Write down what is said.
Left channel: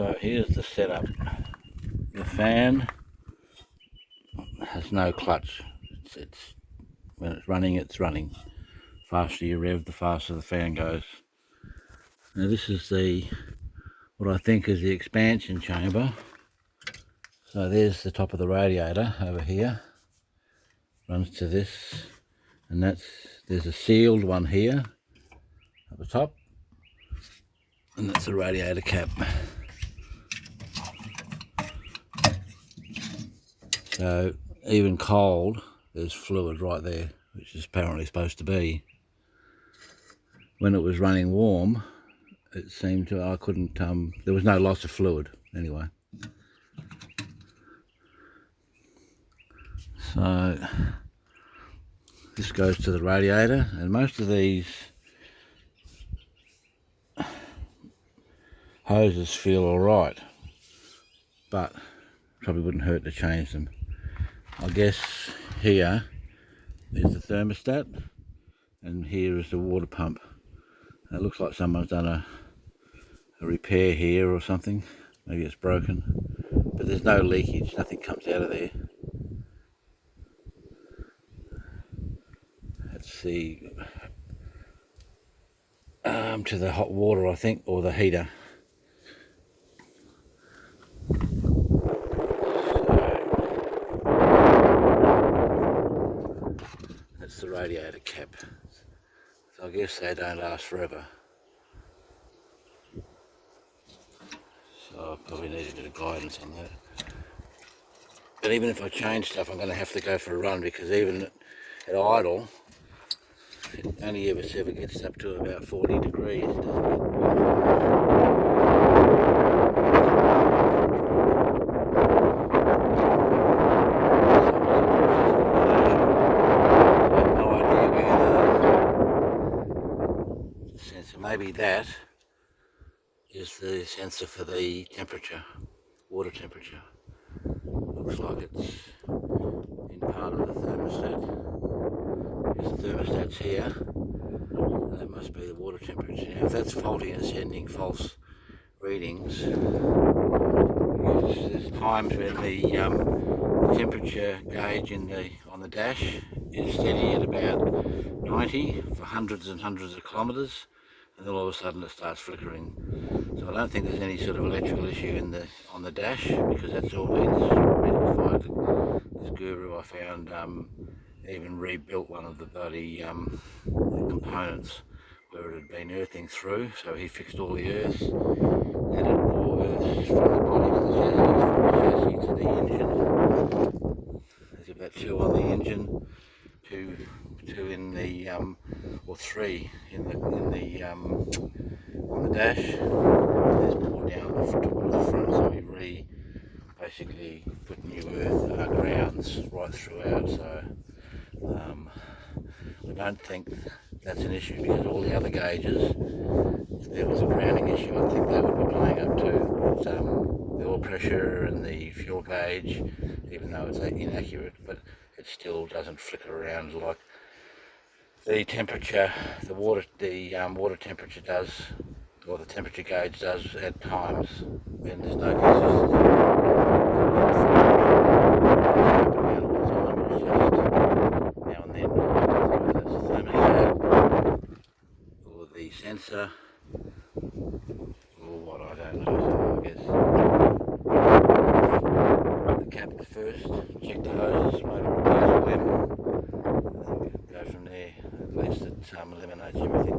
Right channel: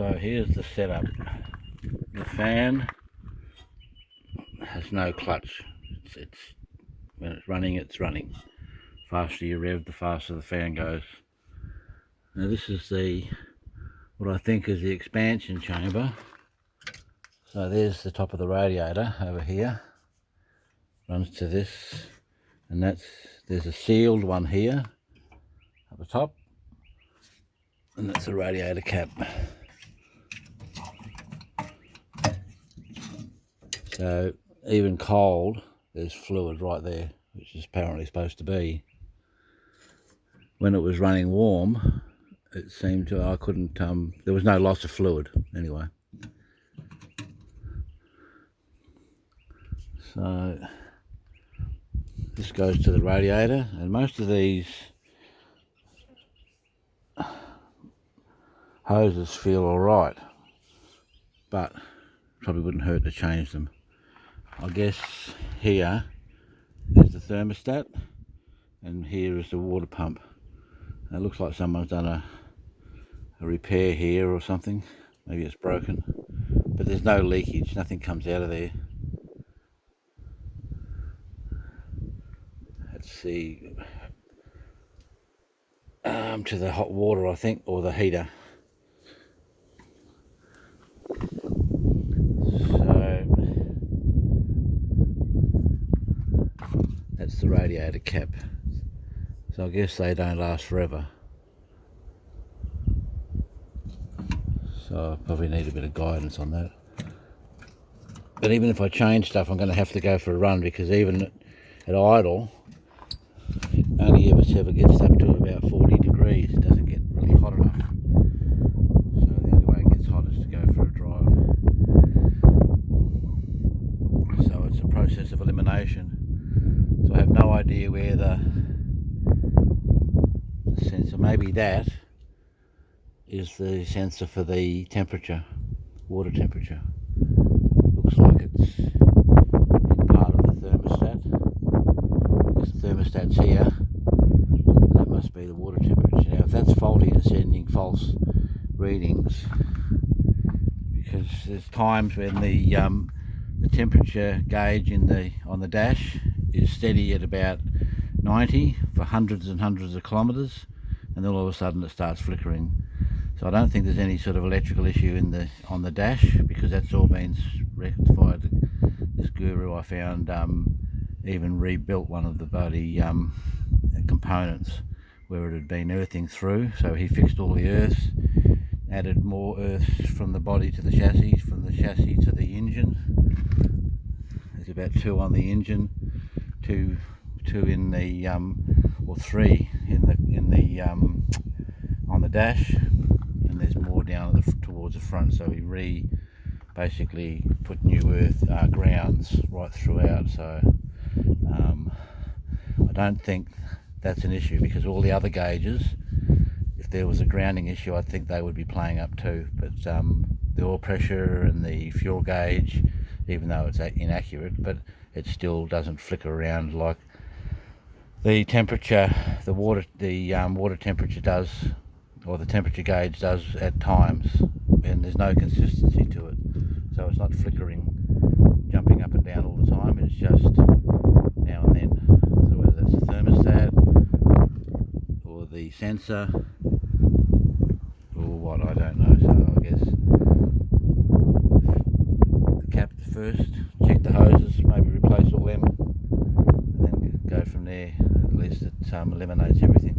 So here's the setup. The fan has no clutch. It's when it's running. The faster you rev, the faster the fan goes. Now this is what I think is the expansion chamber. So there's the top of the radiator over here. Runs to this, and there's a sealed one here at the top, and that's the radiator cap. So even cold, there's fluid right there, which is apparently supposed to be. When it was running warm, it seemed to, I couldn't, there was no loss of fluid anyway. So this goes to the radiator, and most of these hoses feel alright, but probably wouldn't hurt to change them. I guess here is the thermostat, and here is the water pump. And it looks like someone's done a repair here or something. Maybe it's broken, but there's no leakage, nothing comes out of there. Let's see, to the hot water, I think, or the heater. That's the radiator cap. So I guess they don't last forever. So I probably need a bit of guidance on that. But even if I change stuff, I'm going to have to go for a run, because even at idle, it only ever gets up to about 40 degrees. It doesn't get maybe that is the sensor for the temperature, water temperature. Looks like it's in part of the thermostat, because the thermostat's here, and that must be the water temperature. Now if that's faulty and sending false readings, because there's times when the temperature gauge on the dash is steady at about 90 for hundreds and hundreds of kilometres, and then all of a sudden it starts flickering. So I don't think there's any sort of electrical issue on the dash, because that's all been rectified. This guru I found even rebuilt one of the bloody components where it had been earthing through, so he fixed all the earths, added more earths from the body to the chassis, from the chassis to the engine. There's about 2 on the engine, two in the or 3 in the on the dash. There's more down towards the front, so he basically put new earth grounds right throughout. So I don't think that's an issue, because all the other gauges, if there was a grounding issue, I think they would be playing up too. But the oil pressure and the fuel gauge, even though it's inaccurate, but it still doesn't flicker around like the temperature, the water temperature does, or the temperature gauge does at times, and there's no consistency. So it's not flickering up and down all the time, it's just now and then. So whether that's the thermostat, or the sensor, or what, I don't know. So I guess the cap first, check the hoses, maybe replace all them, and then go from there. At least it eliminates everything.